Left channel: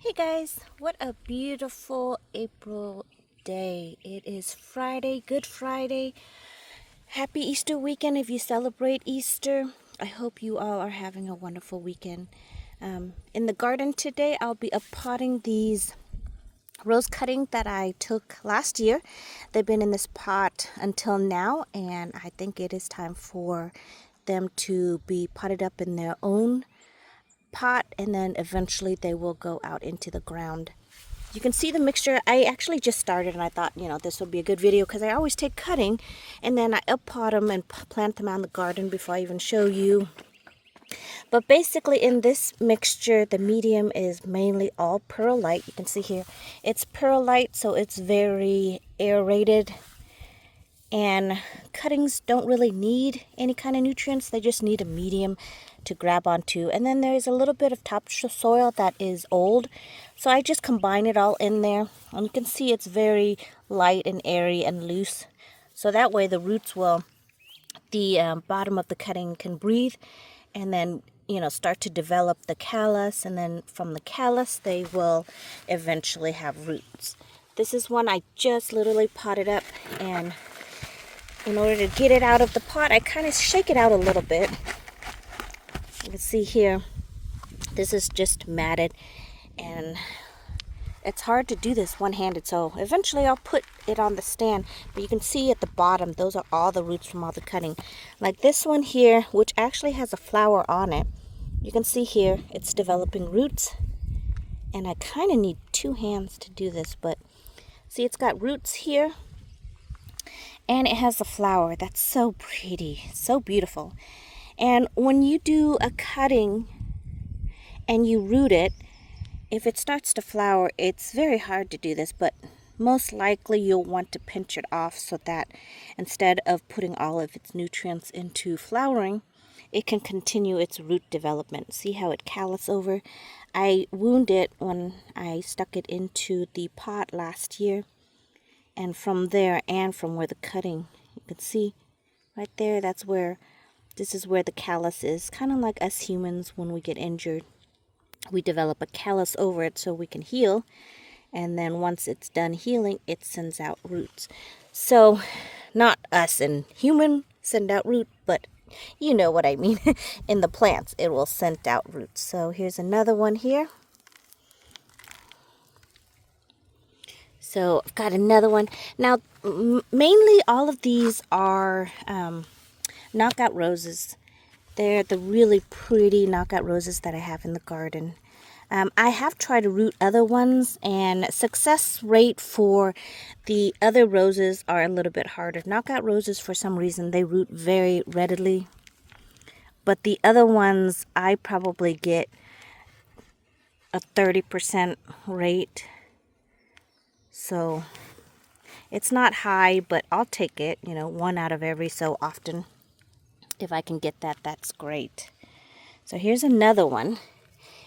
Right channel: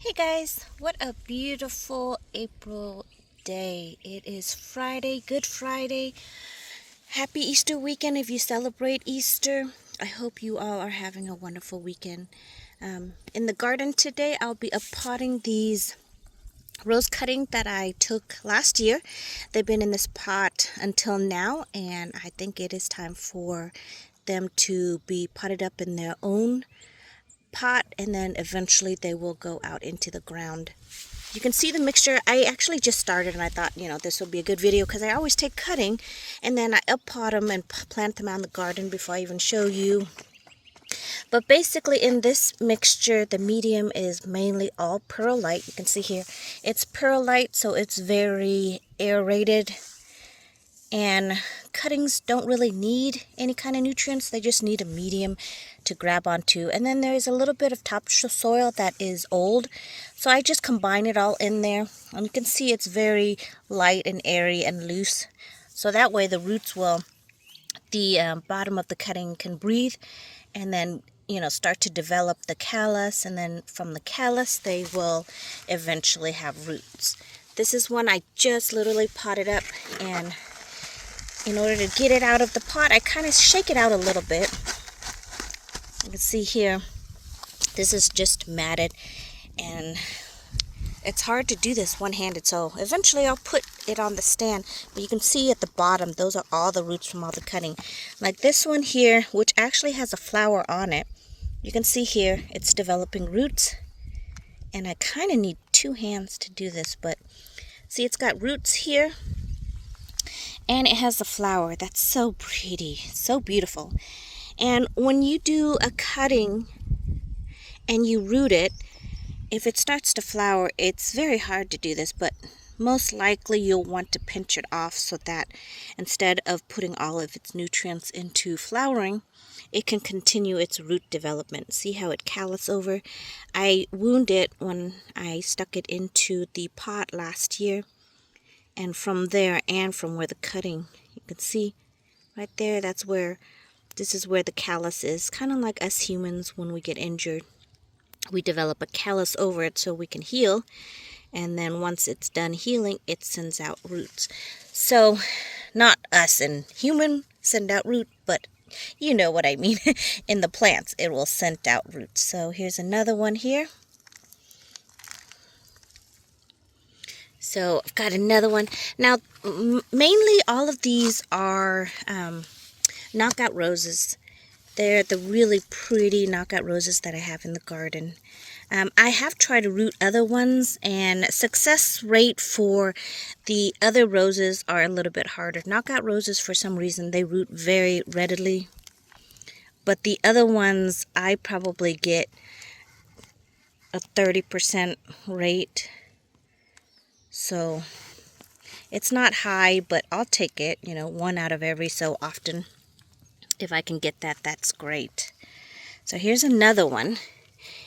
Hey guys, what a beautiful April day. It is Friday, Good Friday. Happy Easter weekend if you celebrate Easter. I hope you all are having a wonderful weekend. In the garden today, I'll be uppotting these rose cuttings that I took last year. They've been in this pot until now, and I think it is time for them to be potted up in their own pot, and then eventually they will go out into the ground. You can see the mixture. I actually just started and I thought, this will be a good video because I always take cutting and then I uppot them and plant them out in the garden before I even show you. But basically in this mixture, the medium is mainly all perlite. You can see here, it's perlite, so it's very aerated. And cuttings don't really need any kind of nutrients. They just need a medium to grab onto. And then there's a little bit of topsoil that is old. So I just combine it all in there. And you can see it's very light and airy and loose. So that way the roots will, the bottom of the cutting can breathe. And then, start to develop the callus. And then from the callus, they will eventually have roots. This is one I just literally potted up, and in order to get it out of the pot, I kind of shake it out a little bit. You can see here, this is just matted, and it's hard to do this one-handed, so eventually I'll put it on the stand. But you can see at the bottom, those are all the roots from all the cutting. Like this one here, which actually has a flower on it. You can see here, it's developing roots, and I kind of need two hands to do this, but see, it's got roots here. And it has a flower. That's so pretty, so beautiful. And when you do a cutting and you root it, if it starts to flower, it's very hard to do this, but most likely you'll want to pinch it off so that instead of putting all of its nutrients into flowering, it can continue its root development. See how it callus over? I wound it when I stuck it into the pot last year. And from there, and from where the cutting, you can see right there, this is where the callus is. Kind of like us humans, when we get injured, we develop a callus over it so we can heal. And then once it's done healing, it sends out roots. So, not us and human send out root, but you know what I mean. In the plants, it will send out roots. So here's another one here. So I've got another one. Now, mainly all of these are knockout roses. They're the really pretty knockout roses that I have in the garden. I have tried to root other ones, and success rate for the other roses are a little bit harder. Knockout roses, for some reason, they root very readily. But the other ones, I probably get a 30% rate. So it's not high, but I'll take it, one out of every so often. If I can get that, that's great. So here's another one.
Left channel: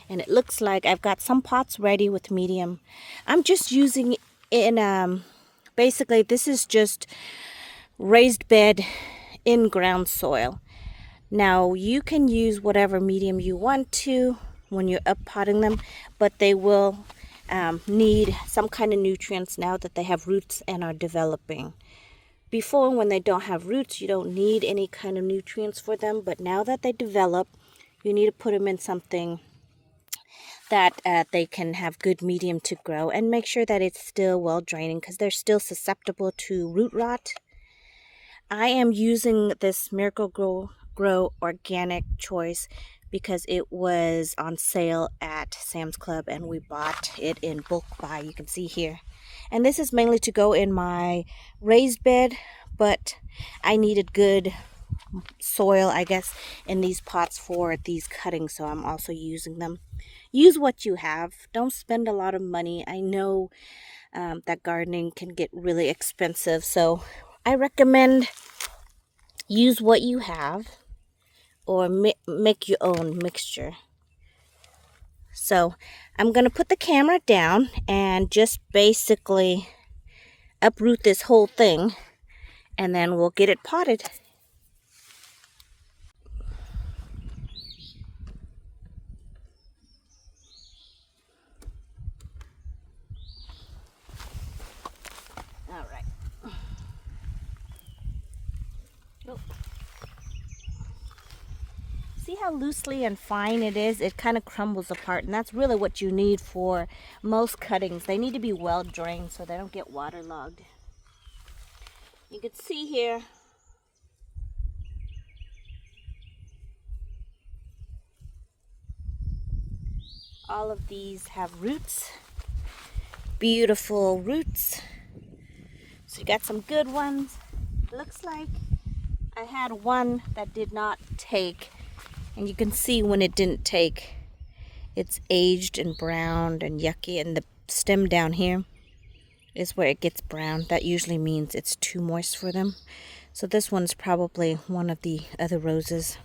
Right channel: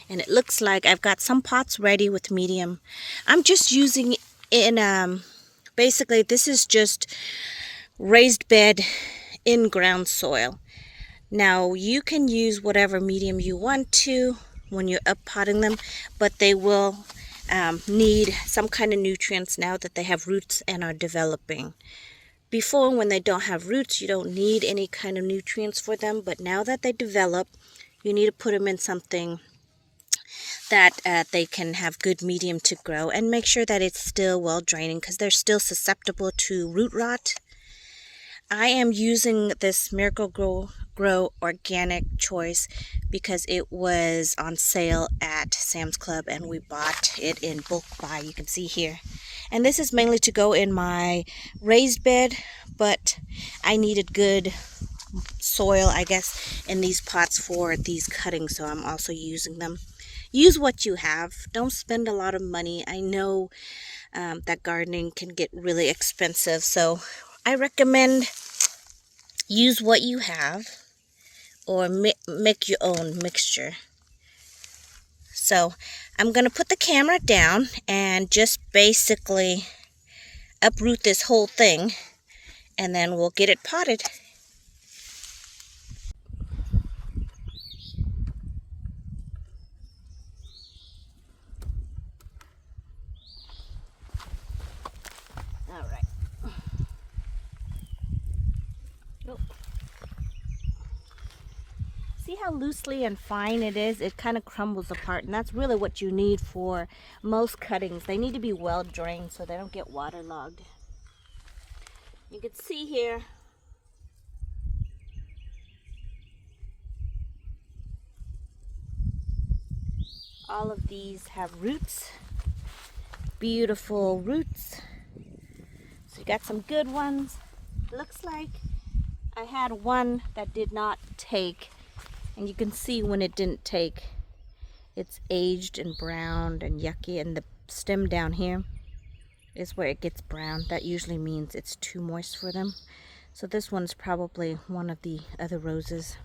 And it looks like I've got some pots ready with medium. I'm just using in, basically this is just raised bed in ground soil. Now you can use whatever medium you want to when you're uppotting them, but they will need some kind of nutrients now that they have roots and are developing. Before, when they don't have roots, you don't need any kind of nutrients for them, but now that they develop, you need to put them in something that they can have good medium to grow, and make sure that it's still well draining because they're still susceptible to root rot. I am using this Miracle-Gro Organic Choice because it was on sale at Sam's Club and we bought it in bulk buy, you can see here. And this is mainly to go in my raised bed, but I needed good soil, I guess, in these pots for these cuttings, so I'm also using them. Use what you have. Don't spend a lot of money. I know that gardening can get really expensive, so I recommend use what you have or make your own mixture. So I'm going to put the camera down and just basically uproot this whole thing, and then we'll get it potted. go. See how loosely and fine it is? It kind of crumbles apart, and that's really what you need for most cuttings. They need to be well drained so they don't get waterlogged. You can see here, all of these have roots, beautiful roots. So you got some good ones. Looks like I had one that did not take, and you can see when it didn't take, it's aged and browned and yucky, and the stem down here is where it gets brown. That usually means it's too moist for them. So this one's probably one of the other roses.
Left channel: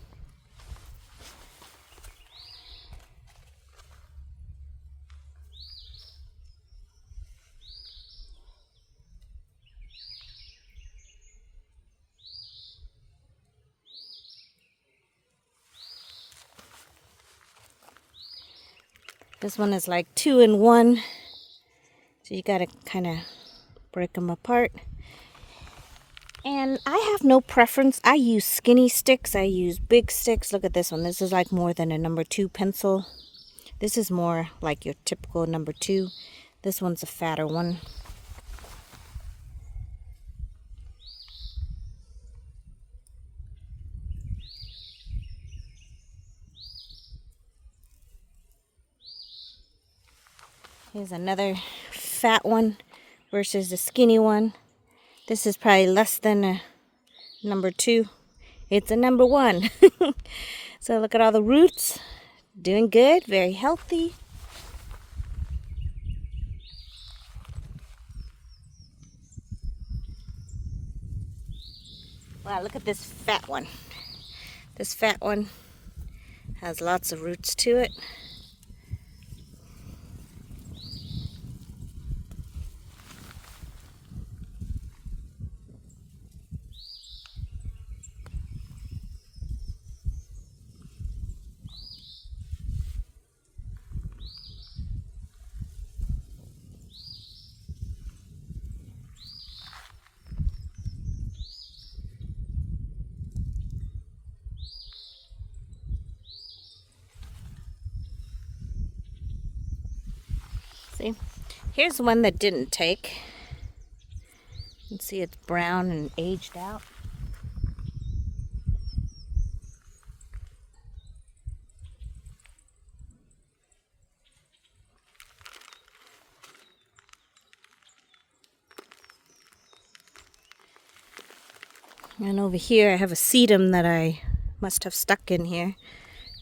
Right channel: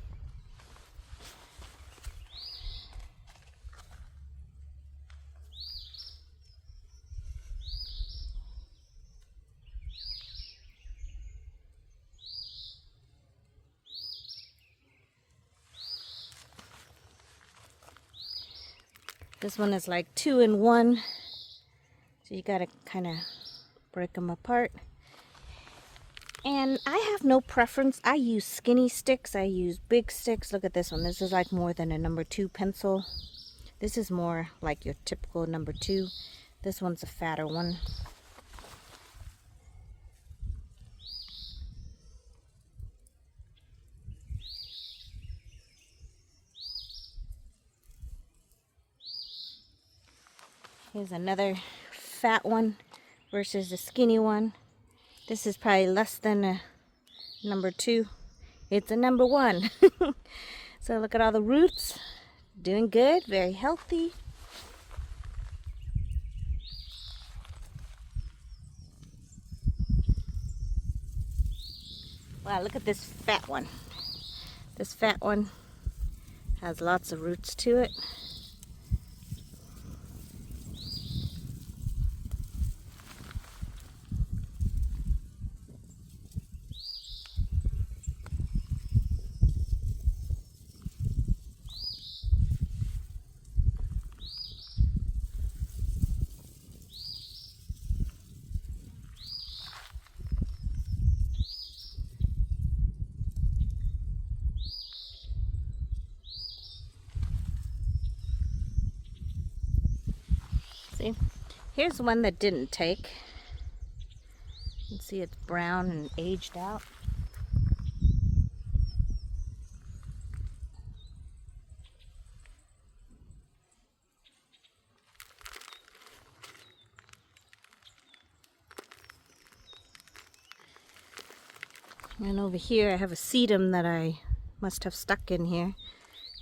This one is like 2 in 1. So you gotta kind of break them apart. And I have no preference. I use skinny sticks. I use big sticks. Look at this one. This is like more than a number 2 pencil. This is more like your typical number 2. This one's a fatter one. Here's another fat one versus the skinny one. This is probably less than a number 2. It's a number 1. So look at all the roots. Doing good, very healthy. Wow, look at this fat one. This fat one has lots of roots to it. See, here's one that didn't take. You can see it's brown and aged out. And over here I have a sedum that I must have stuck in here.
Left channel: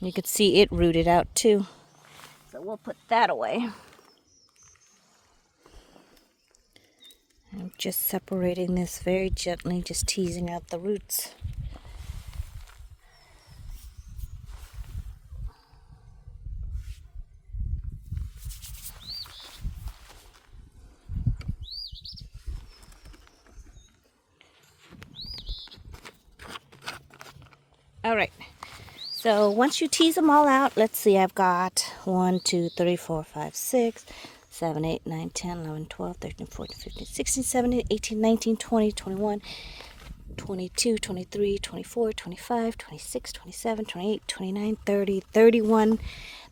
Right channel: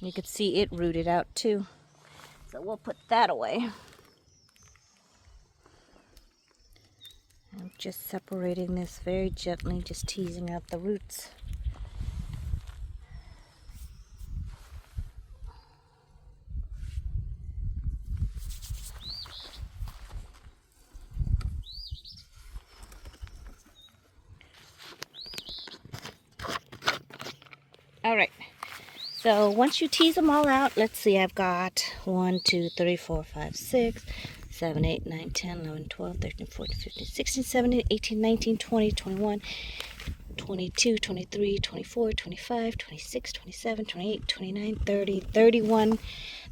You can see it rooted out too. So we'll put that away. I'm just separating this very gently, just teasing out the roots. All right, so once you tease them all out, let's see, I've got 1, 2, 3, 4, 5, 6, 7, 8, 9, 10, 11, 12, 13, 14, 15, 16, 17, 18, 19, 20, 21, 22, 23, 24, 25, 26, 27, 28, 29, 30, 31,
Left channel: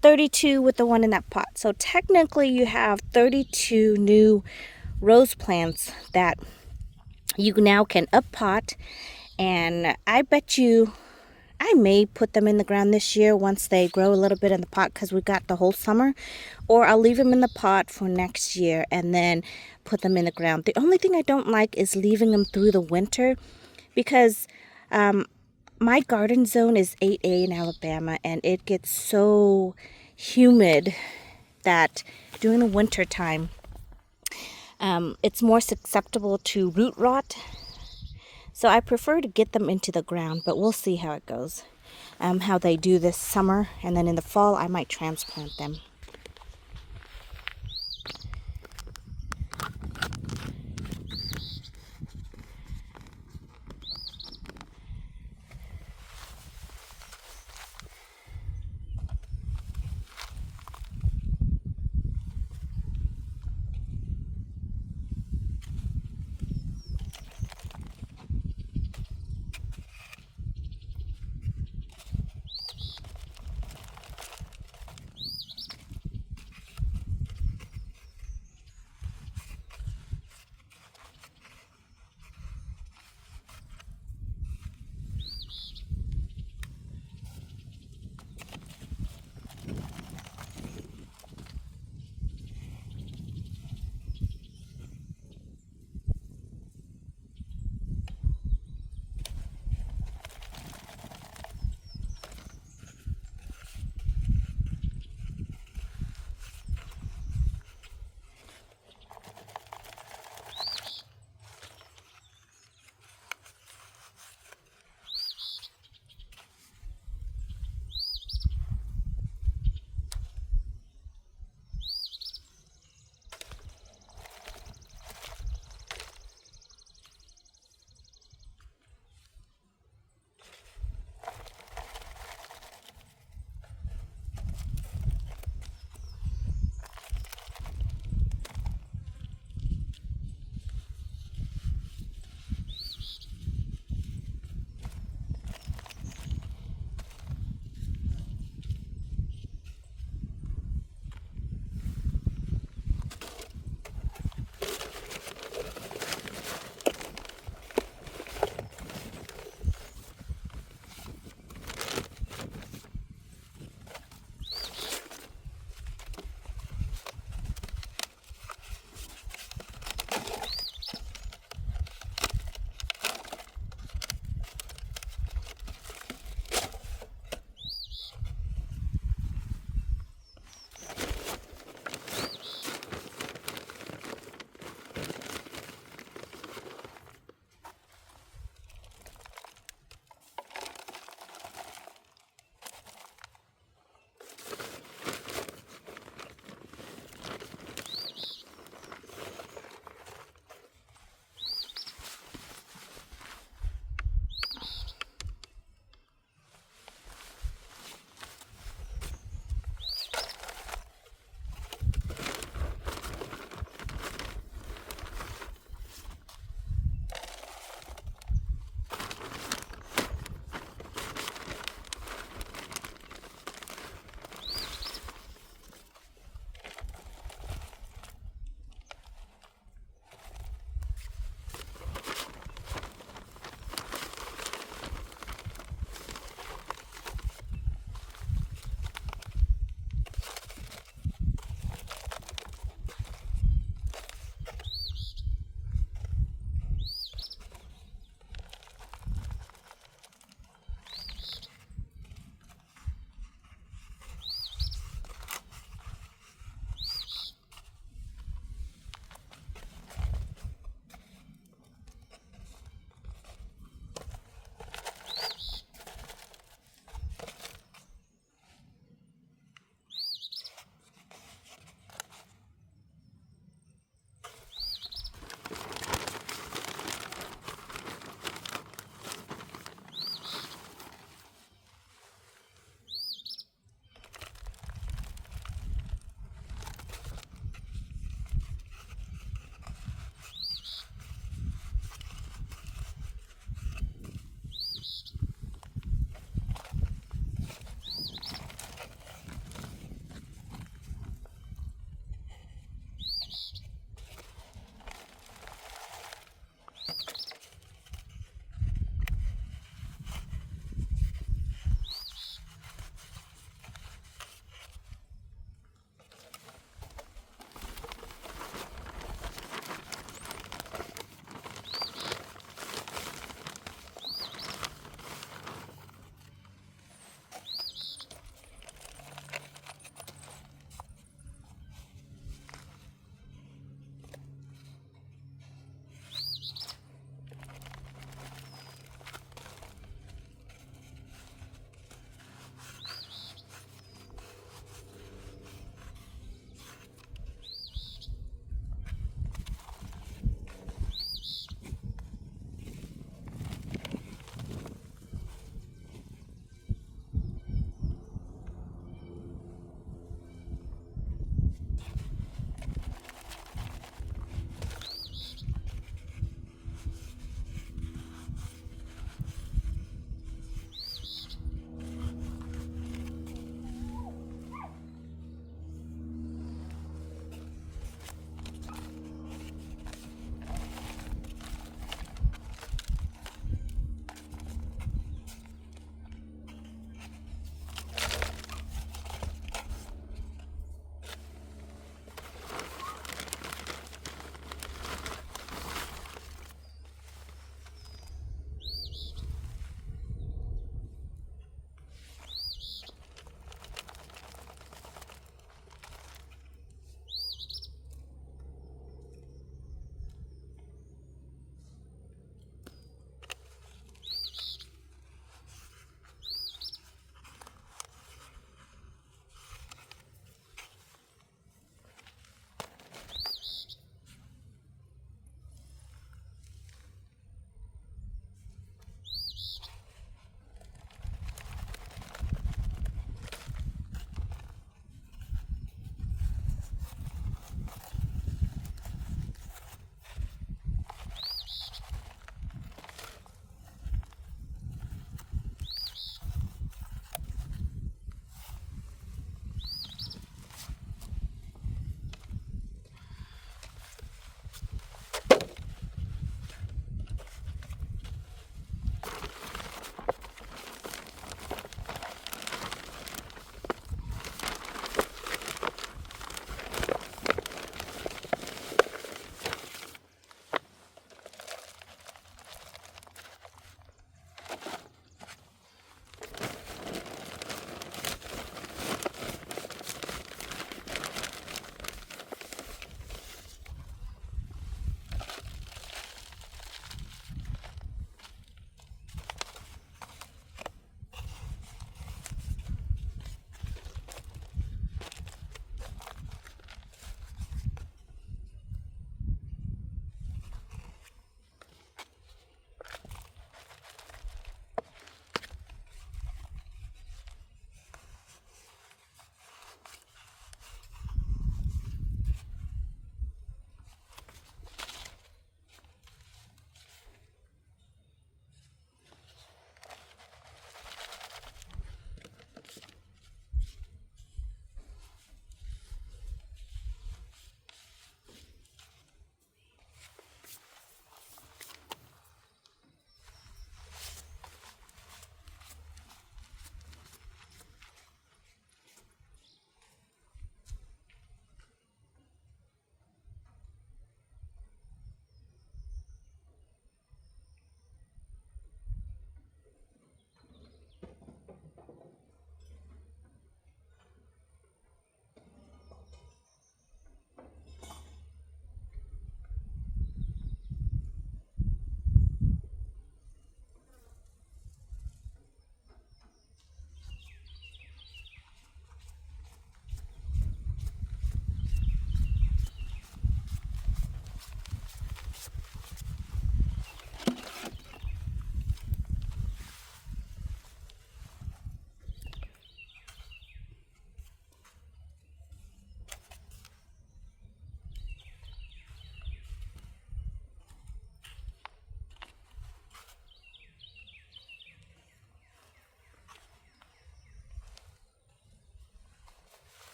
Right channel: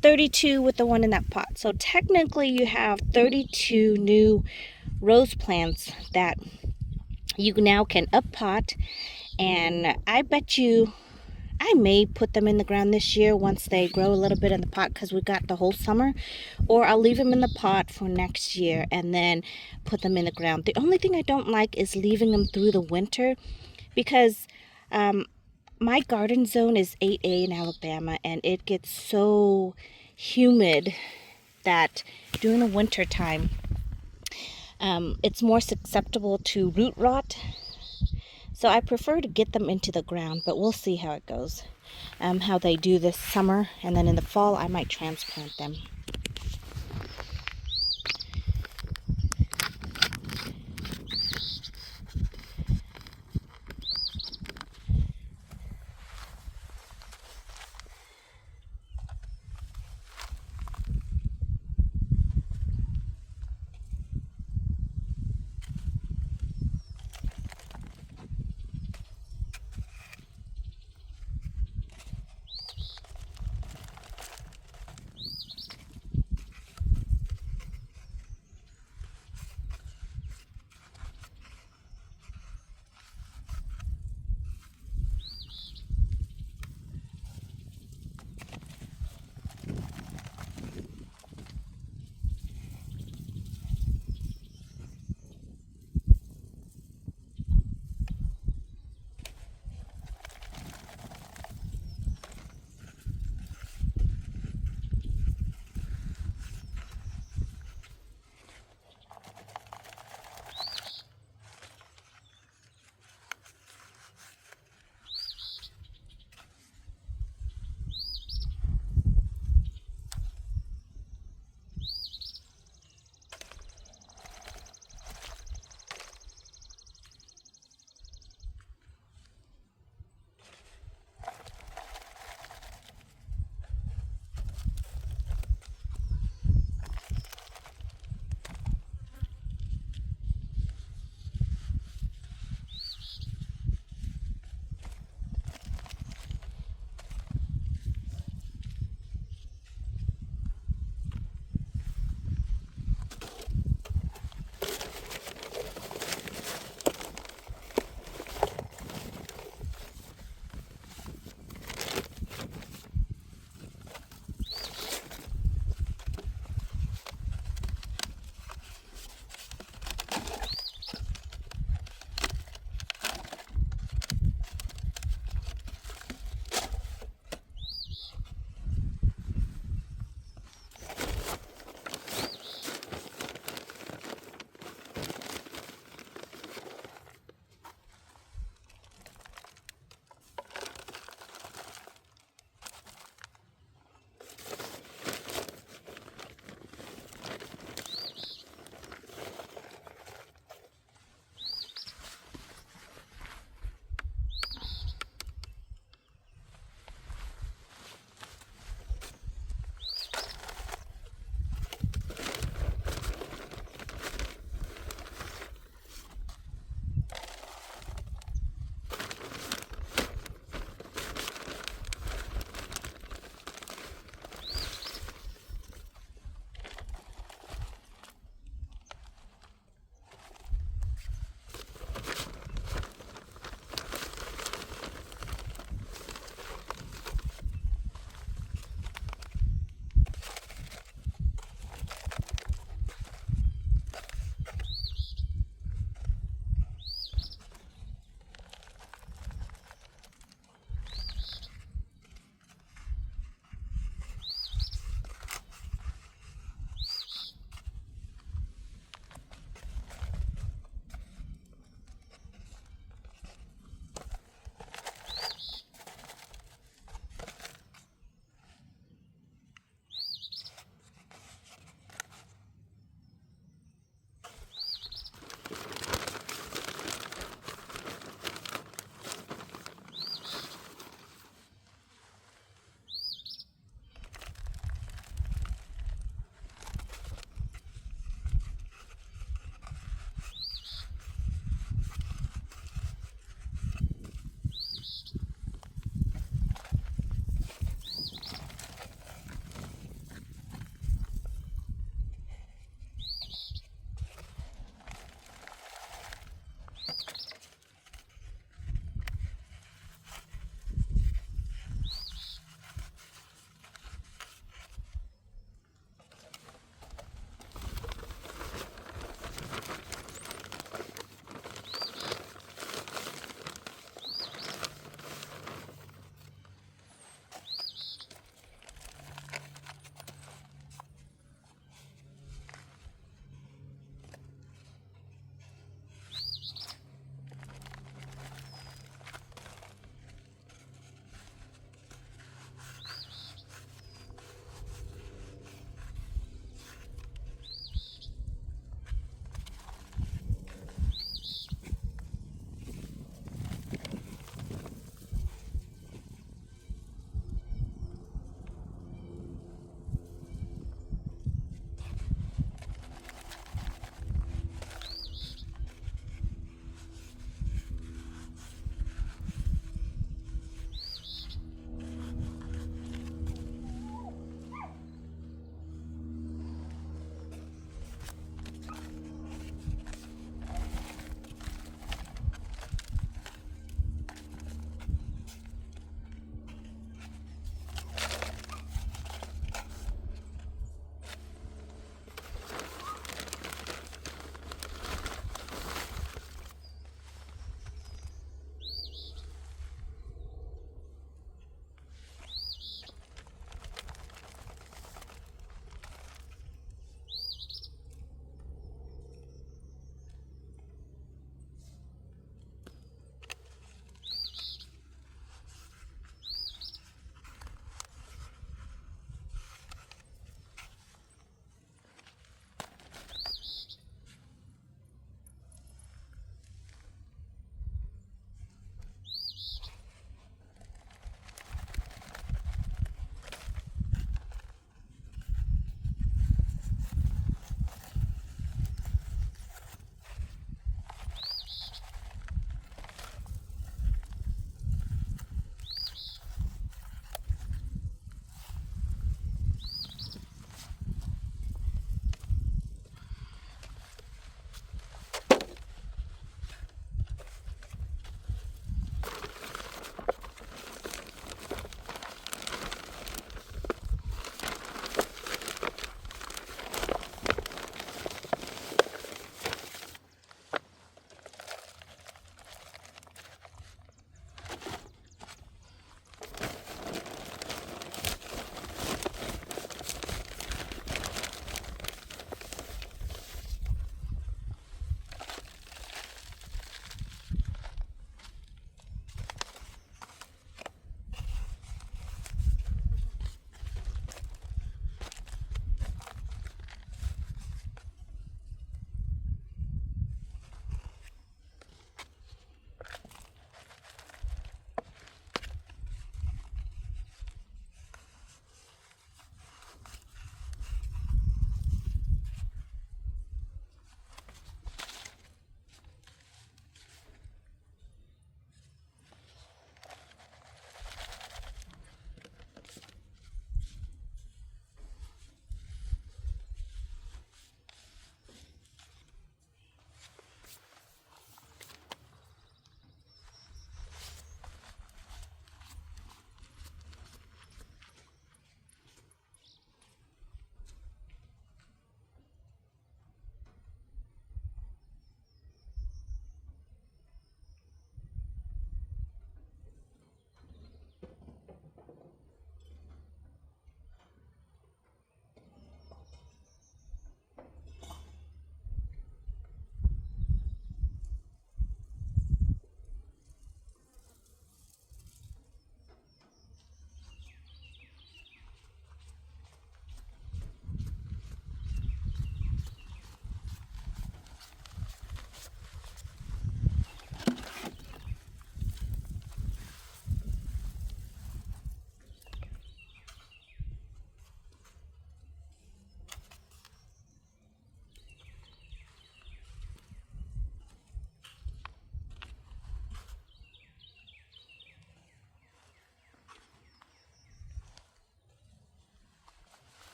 32 with the one in that pot. So technically you have 32 new rose plants that you now can up pot, and I bet you I may put them in the ground this year once they grow a little bit in the pot, because we've got the whole summer, or I'll leave them in the pot for next year and then put them in the ground. The only thing I don't like is leaving them through the winter, because my garden zone is 8A in Alabama, and it gets so humid that during the winter time it's more susceptible to root rot. So I prefer to get them into the ground, but we'll see how it goes, how they do this summer, and then in the fall I might transplant them.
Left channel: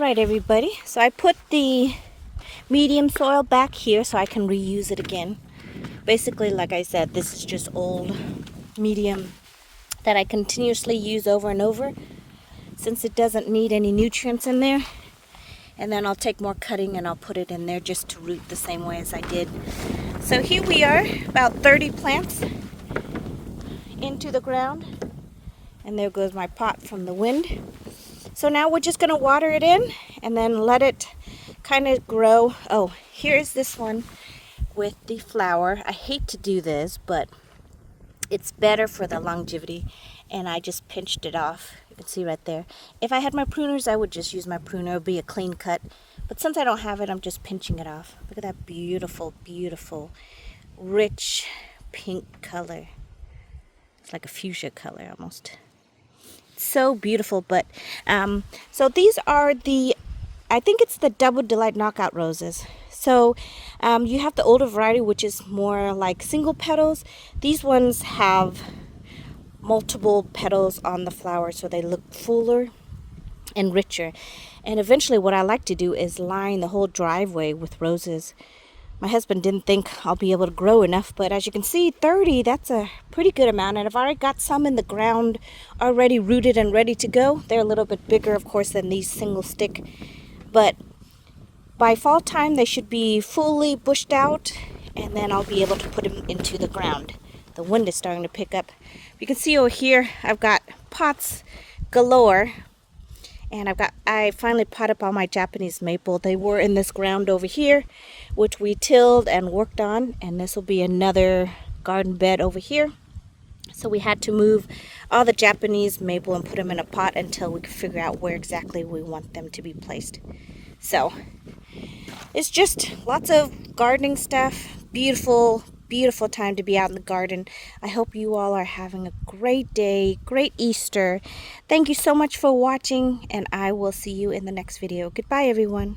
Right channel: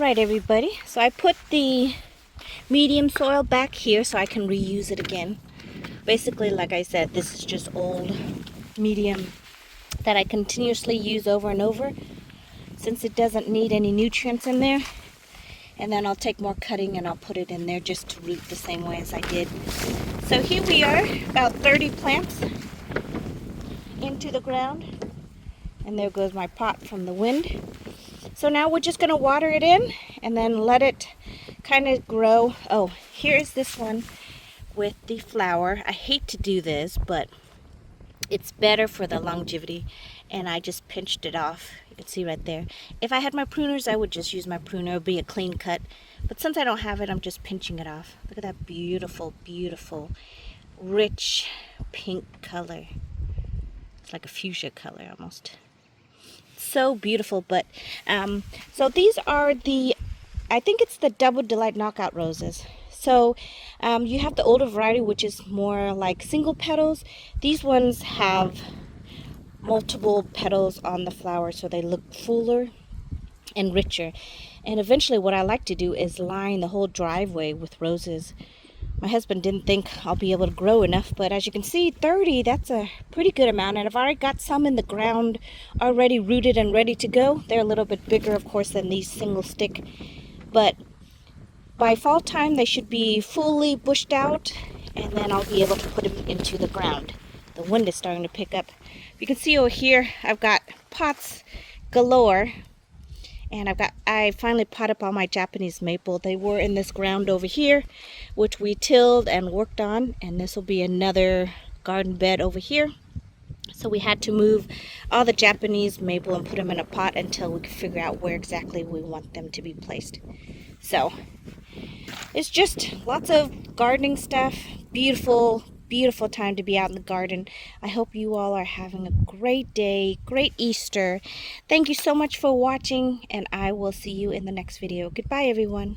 Alright everybody, so I put the medium soil back here so I can reuse it again. Basically, like I said, this is just old medium that I continuously use over and over since it doesn't need any nutrients in there. And then I'll take more cutting and I'll put it in there just to root the same way as I did. So here we are, about 30 plants into the ground. And there goes my pot from the wind. So now we're just going to water it in and then let it kind of grow. Oh, here's this one with the flower. I hate to do this, but it's better for the longevity. And I just pinched it off. You can see right there. If I had my pruners, I would just use my pruner. It would be a clean cut. But since I don't have it, I'm just pinching it off. Look at that beautiful, beautiful, rich pink color. It's like a fuchsia color almost. So beautiful. But so these are the, I think it's the Double Delight Knockout Roses. So you have the older variety, which is more like single petals. These ones have multiple petals on the flower, so they look fuller and richer. And eventually what I like to do is line the whole driveway with roses. My husband didn't think I'll be able to grow enough, but as you can see, 30, that's a pretty good amount. And I've already got some in the ground already rooted and ready to go. They're a little bit bigger, of course, than these single stick, but by fall time they should be fully bushed out, and then I'll be able to put them into the ground. The wind is starting to pick up. You can see over here I've got pots galore, and I finally potted up all my Japanese maple. They were in this ground over here, which we tilled and worked on, and this will be another garden bed over here. So we had to move all the Japanese maple and put them in a pot until we could figure out where exactly we want them to be placed. So it's just lots of gardening stuff. Beautiful, beautiful time to be out in the garden. I hope you all are having a great day, great Easter. Thank you so much for watching, and I will see you in the next video. Goodbye, everyone.